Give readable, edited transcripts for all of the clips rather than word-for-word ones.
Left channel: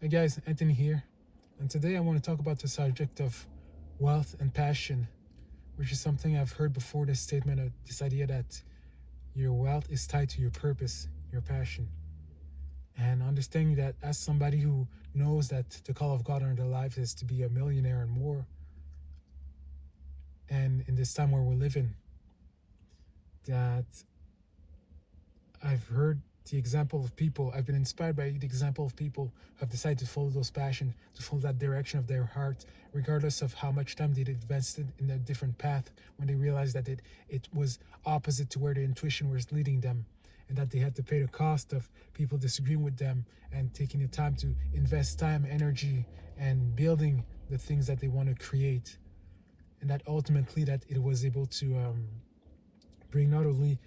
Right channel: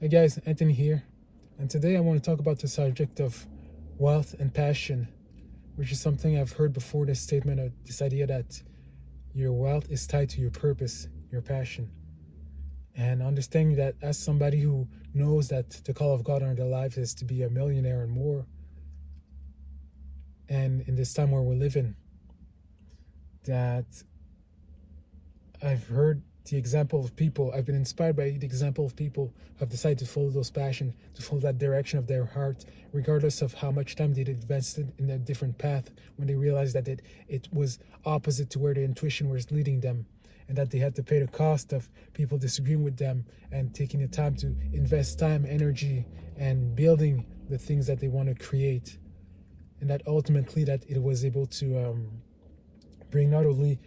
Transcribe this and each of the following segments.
Hey guys, Anthony here, and today I want to talk about the subject of wealth and passion, which is something I've heard before. This statement, this idea that your wealth is tied to your purpose, your passion, and understanding that as somebody who knows that the call of God on their life is to be a millionaire and more, and in this time where we're living, that I've heard the example of people, I've been inspired by the example of people who have decided to follow those passions, to follow that direction of their heart, regardless of how much time they'd invested in a different path when they realized that it was opposite to where their intuition was leading them, and that they had to pay the cost of people disagreeing with them and taking the time to invest time, energy, and building the things that they want to create. And that ultimately that it was able to bring not only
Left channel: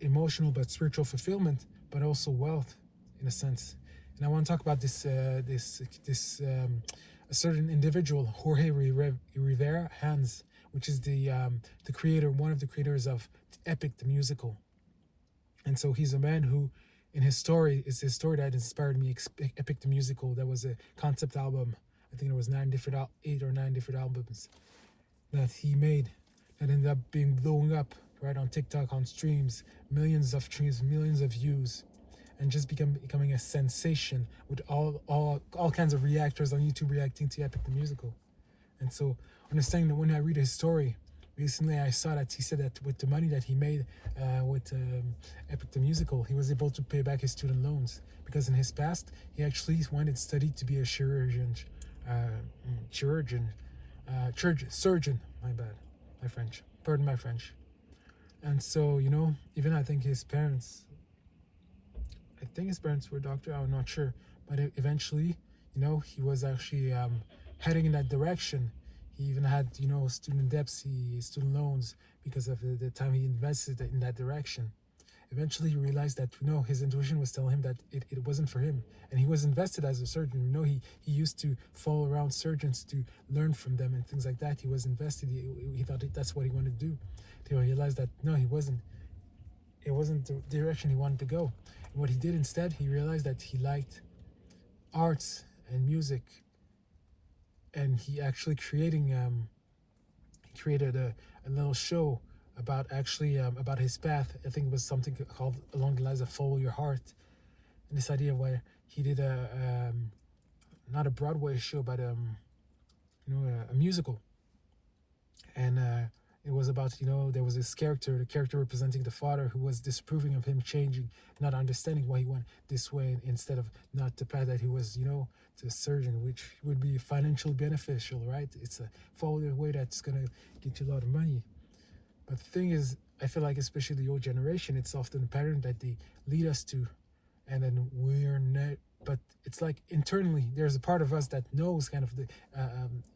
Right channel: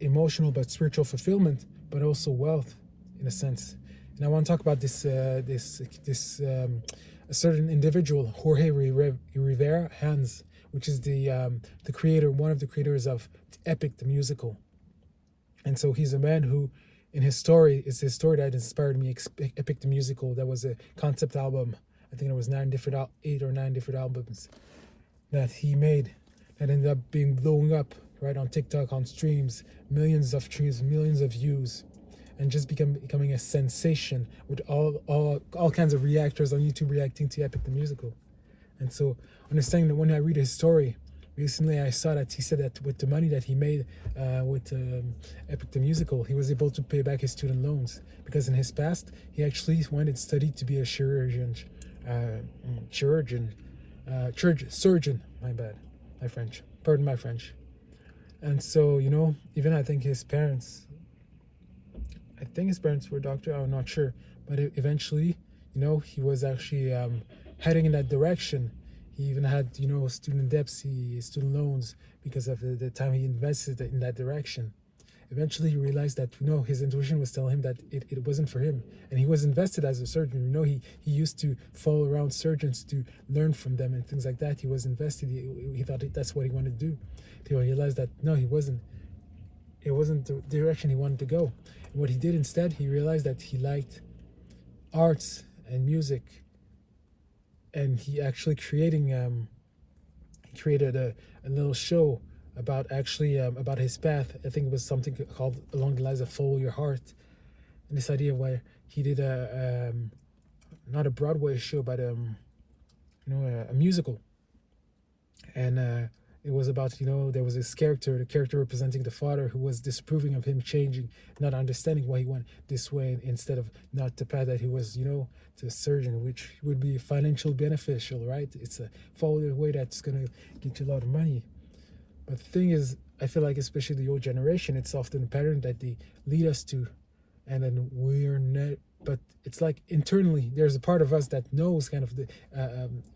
emotional but spiritual fulfillment, but also wealth, in a sense. And I want to talk about this a certain individual, Jorge Rivera-Herrans, which is the creator, one of the creators of Epic the musical. And so he's a man who, in his story, it's his story that inspired me. Epic the musical, that was a concept album. I think there was 8 or 9 different albums that he made that ended up being blowing up right on TikTok, on streams, millions of streams, millions of views, and just becoming a sensation with all kinds of reactors on YouTube reacting to Epic the musical. And so understanding that when I read his story, recently I saw that he said that with the money that he made with Epic the musical, he was able to pay back his student loans because in his past he actually went and studied to be a surgeon. My bad, my French. Pardon my French. And so even I think his parents were doctor. I'm not sure, but eventually, he was actually heading in that direction. He even had student debts, student loans because of the time he invested in that direction. Eventually, he realized that his intuition was telling him that it wasn't for him, and he was invested as a surgeon. He used to follow around surgeons to learn from them and things like that. He was invested. He thought that's what he wanted to do. He realized that no, he wasn't. It wasn't the direction he wanted to go. And what he did instead, he realized that he liked arts and music, and he actually he created a little show about about his path. I think it was something called along the lines of "Follow Your Heart," and this idea where he did a not a Broadway show, but a musical, and it was about there was this character, the character representing the father who was disapproving of him changing, not understanding why he went this way instead of not the path that he was to a surgeon, which would be financially beneficial, right? It's a follow the way that's gonna get you a lot of money. But the thing is, I feel like especially the old generation, it's often a pattern that they lead us to, and then we're not. But it's like internally, there's a part of us that knows kind of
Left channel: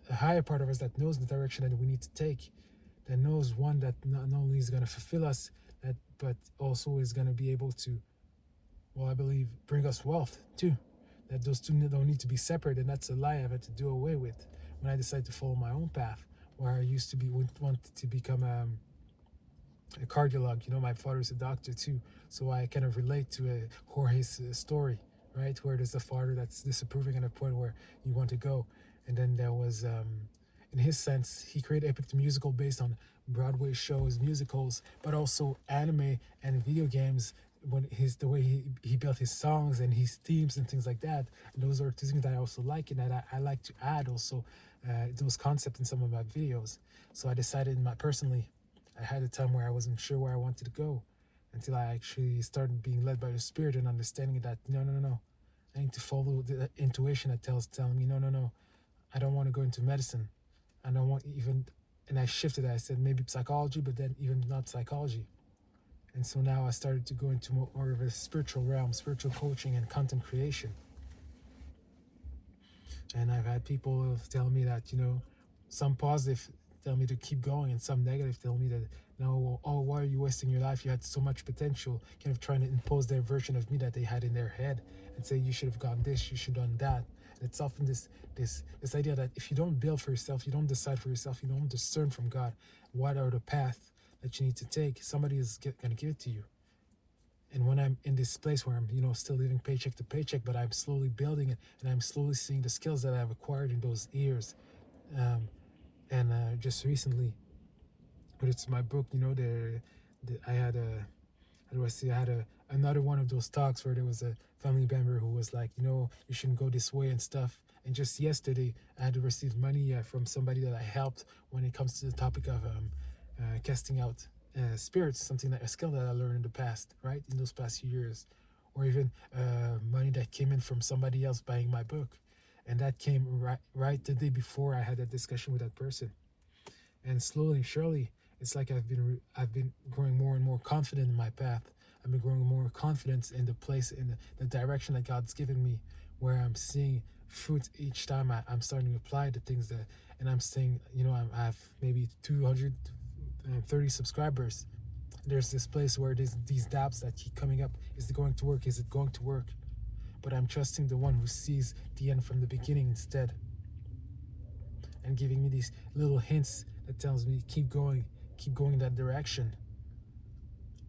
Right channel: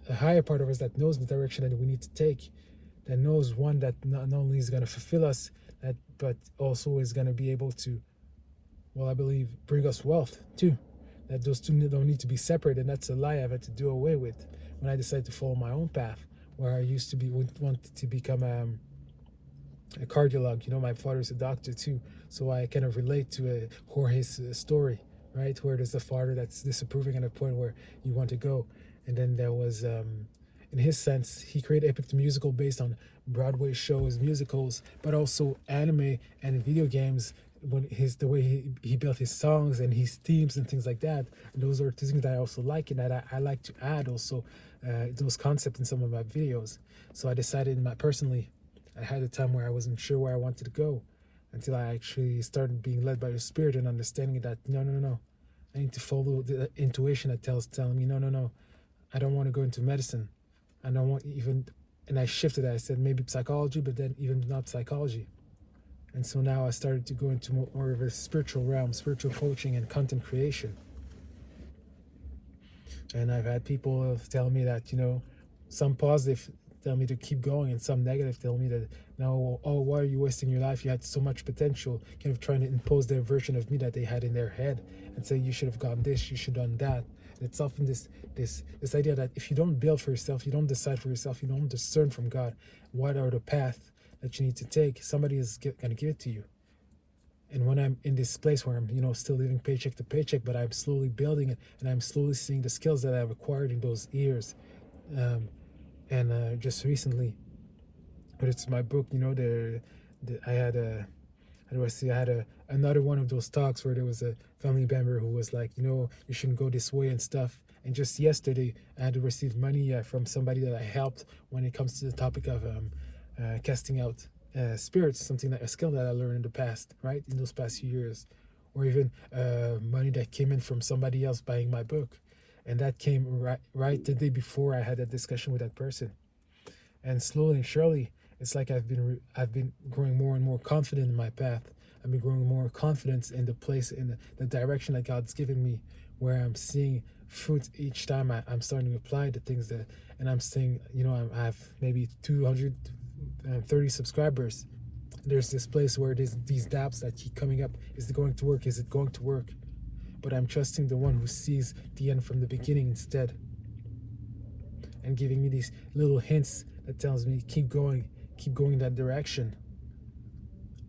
a higher part of us that knows the direction that we need to take, that knows one that not only is going to fulfill us, but also is going to be able to, well, I believe, bring us wealth too. That those two don't need to be separate, and that's a lie I've had to do away with when I decided to follow my own path, where I used to want to become a cardiolog. My father's a doctor too, so I kind of relate to Jorge's story, right? Where there's a father that's disapproving at a point where you want to go, and then there was, in his sense, he created Epic the musical based on Broadway shows, musicals, but also anime and video games. When the way he built his songs and his themes and things like that, and those are things that I also like, and that I like to add also those concepts in some of my videos. So I decided personally, I had a time where I wasn't sure where I wanted to go until I actually started being led by the spirit and understanding that no, I need to follow the intuition that telling me no, I don't want to go into medicine. I don't want even, and I shifted. I said maybe psychology, but then even not psychology. And so now I started to go into more of a spiritual realm, spiritual coaching and content creation. And I've had people tell me that, some positive tell me to keep going, and some negative tell me that, no, oh, why are you wasting your life? You had so much potential, kind of trying to impose their version of me that they had in their head and say, you should have gone this, you should have done that. And it's often this idea that if you don't build for yourself, you don't decide for yourself, you don't discern from God what are the path that you need to take, somebody is going to give it to you. And when I'm in this place where I'm, still living paycheck to paycheck, but I'm slowly building it, and I'm slowly seeing the skills that I've acquired in those years. Um, and just recently, but it's my book, I had a, how do I say, I had another one of those talks where there was a family member who was like, you shouldn't go this way and stuff. And just yesterday, I had to receive money from somebody that I helped when it comes to the topic of casting out spirits, a skill that I learned in the past, right, in those past few years, or even money that came in from somebody else buying my book, and that came right the day before I had that discussion with that person. And slowly and surely, it's like I've been growing more and more confident in my path. I've been growing more confidence in the place, in the direction that God's given me, where I'm seeing fruit each time I'm starting to apply the things that, and I'm saying, I have maybe 230 subscribers. There's this place where there's these doubts that keep coming up. Is it going to work? Is it going to work? But I'm trusting the one who sees the end from the beginning instead, and giving me these little hints that tells me keep going in that direction.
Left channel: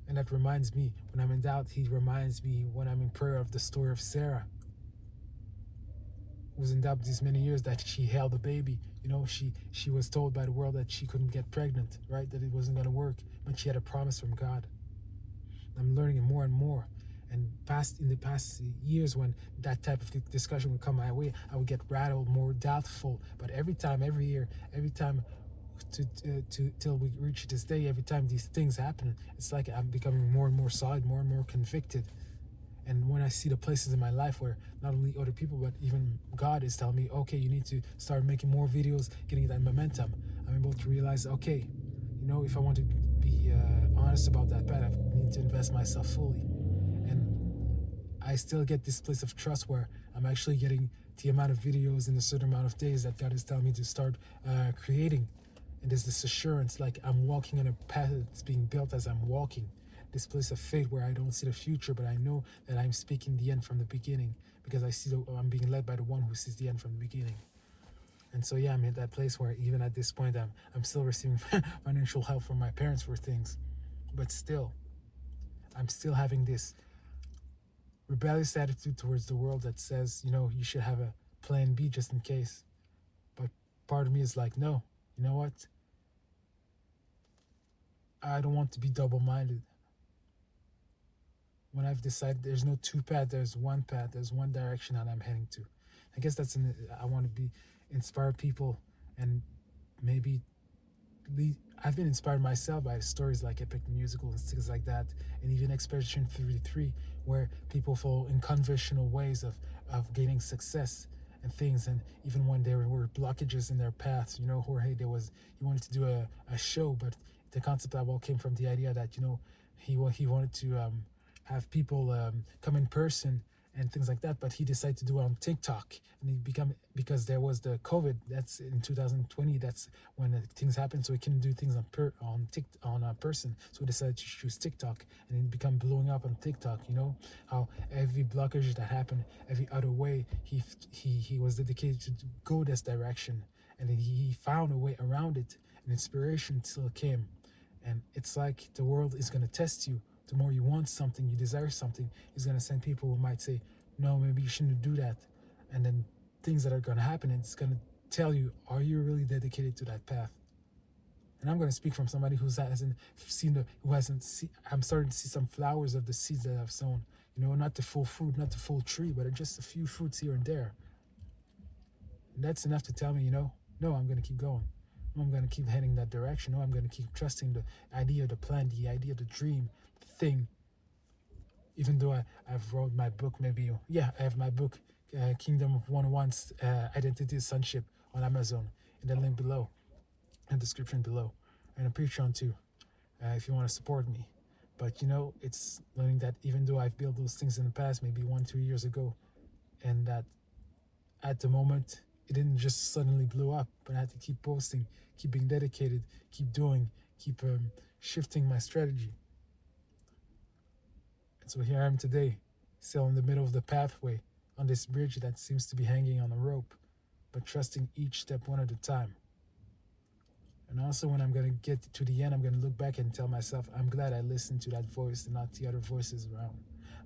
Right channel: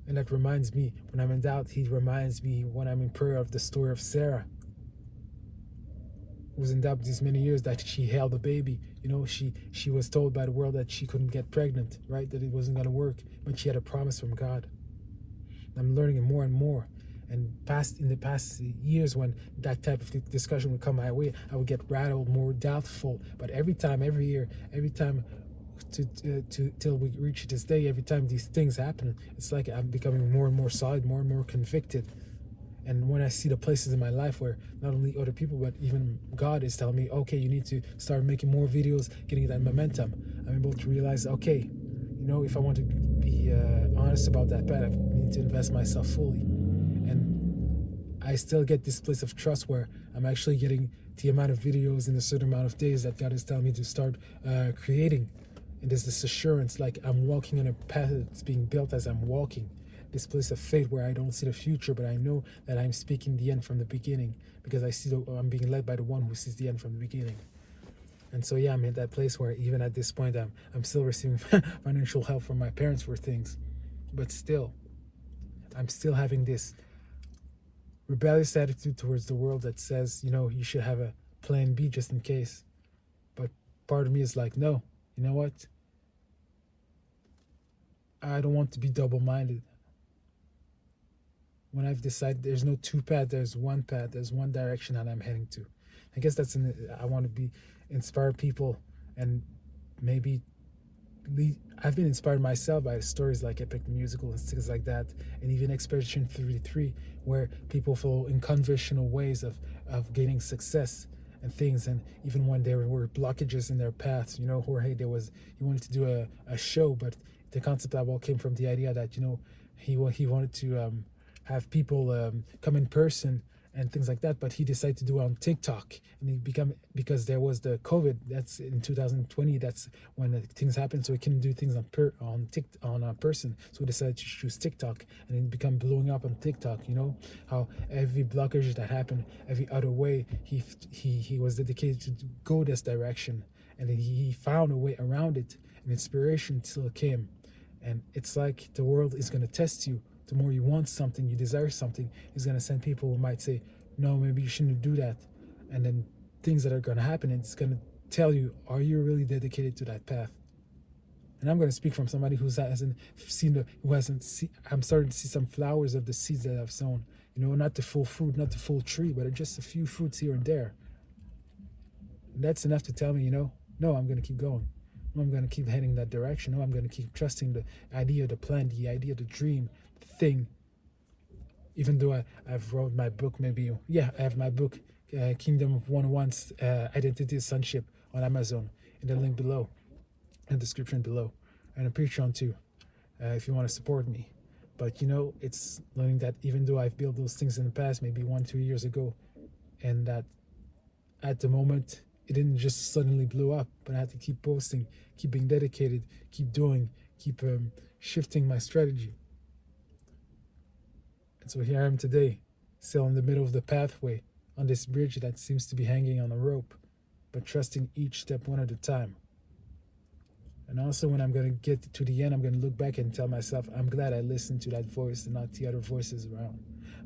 And that reminds me, when I'm in doubt, he reminds me when I'm in prayer of the story of Sarah, who was in doubt these many years that she held a baby. She was told by the world that she couldn't get pregnant, right? That it wasn't going to work, but she had a promise from God. I'm learning it more and more. And in the past years, when that type of discussion would come my way, I would get rattled, more doubtful. But every time, every year, every time, till we reach this day, every time these things happen, it's like I'm becoming more and more solid, more and more convicted. And when I see the places in my life where not only other people but even God is telling me, okay, you need to start making more videos, getting that momentum, I'm able to realize, okay, if I want to be honest about that path, I need to invest myself fully. And I still get this place of trust where I'm actually getting the amount of videos in a certain amount of days that God is telling me to start creating. And there's this assurance, like I'm walking on a path that's being built as I'm walking. This place of faith where I don't see the future, but I know that I'm speaking the end from the beginning, because I'm being led by the one who sees the end from the beginning. And so, yeah, I'm in that place where even at this point, I'm still receiving financial help from my parents for things. But still, I'm still having this rebellious attitude towards the world that says, you should have a plan B just in case. But part of me is like, no, you know what? I don't want to be double minded. When I've decided there's no two paths, there's one direction that I'm heading to. I guess I want to be inspire people, and maybe I've been inspired myself by stories like Epic the Musical and things like that, and even Expedition 33, where people follow unconventional ways of gaining success and things. And even when there were blockages in their paths, Jorge, he wanted to do a show, but the concept that all came from the idea that, he wanted to have people come in person and things like that, but he decided to do it on TikTok, and because there was the COVID. That's in 2020. That's when things happened, so he couldn't do things on a person. So he decided to choose TikTok, and it became blowing up on TikTok. How every blockage that happened, every other way, he was dedicated to go this direction, and then he found a way around it, and inspiration still came. And it's like the world is going to test you. The more you want something, you desire something, is going to send people who might say, no, maybe you shouldn't do that. And then things that are going to happen, and it's going to tell you, are you really dedicated to that path? And I'm going to speak from somebody who hasn't I'm starting to see some flowers of the seeds that I've sown. Not the full fruit, not the full tree, but just a few fruits here and there. And that's enough to tell me, no, I'm going to keep going. No, I'm going to keep heading that direction. No, I'm going to keep trusting the idea, the plan, the idea, the dream, the thing. Even though I've wrote my book, I have my book, Kingdom of 101's Identity Sonship, on Amazon, in the link below, in the description below, and a Patreon too, if you want to support me. But it's learning that even though I've built those things in the past, maybe 1-2 years ago, and that at the moment it didn't just suddenly blow up, but I had to keep posting, keep being dedicated, keep doing, keep shifting my strategy. And so here I am today, still in the middle of the pathway, on this bridge that seems to be hanging on a rope, but trusting each step one at a time. And also, when I'm going to get to the end, I'm going to look back and tell myself, I'm glad I listened to that voice and not the other voices around.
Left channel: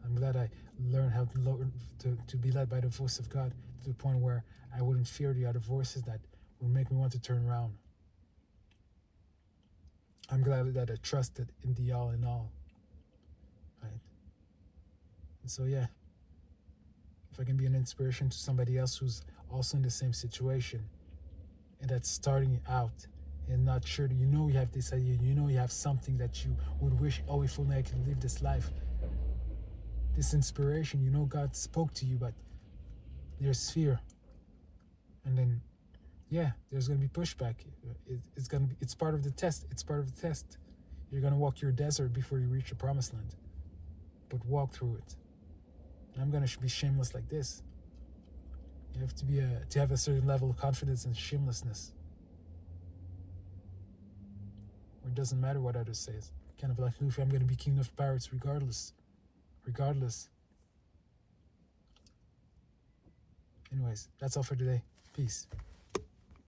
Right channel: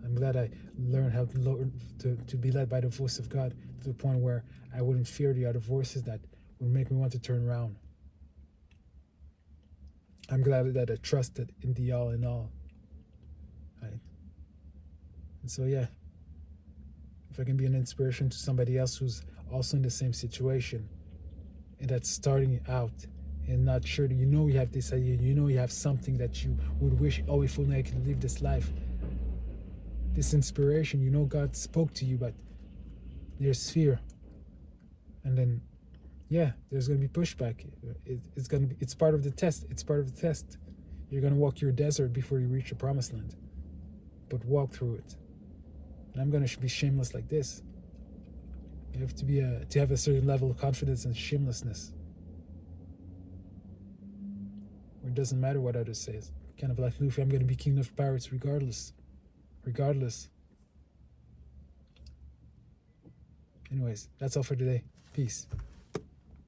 I'm glad I learned how to be led by the voice of God to the point where I wouldn't fear the other voices that would make me want to turn around. I'm glad that I trusted in the all in all. Right? And so, yeah, if I can be an inspiration to somebody else who's also in the same situation and that's starting out and not sure that you have this idea, you have something that you would wish, oh, if only I could live this life, this inspiration, God spoke to you, but there's fear. And then, yeah, there's going to be pushback. It's part of the test. It's part of the test. You're going to walk your desert before you reach the promised land. But walk through it. And I'm going to be shameless like this. You have to have a certain level of confidence and shamelessness. Where it doesn't matter what others say. Kind of like Luffy, I'm going to be king of pirates regardless. Regardless. Anyways, that's all for today. Peace.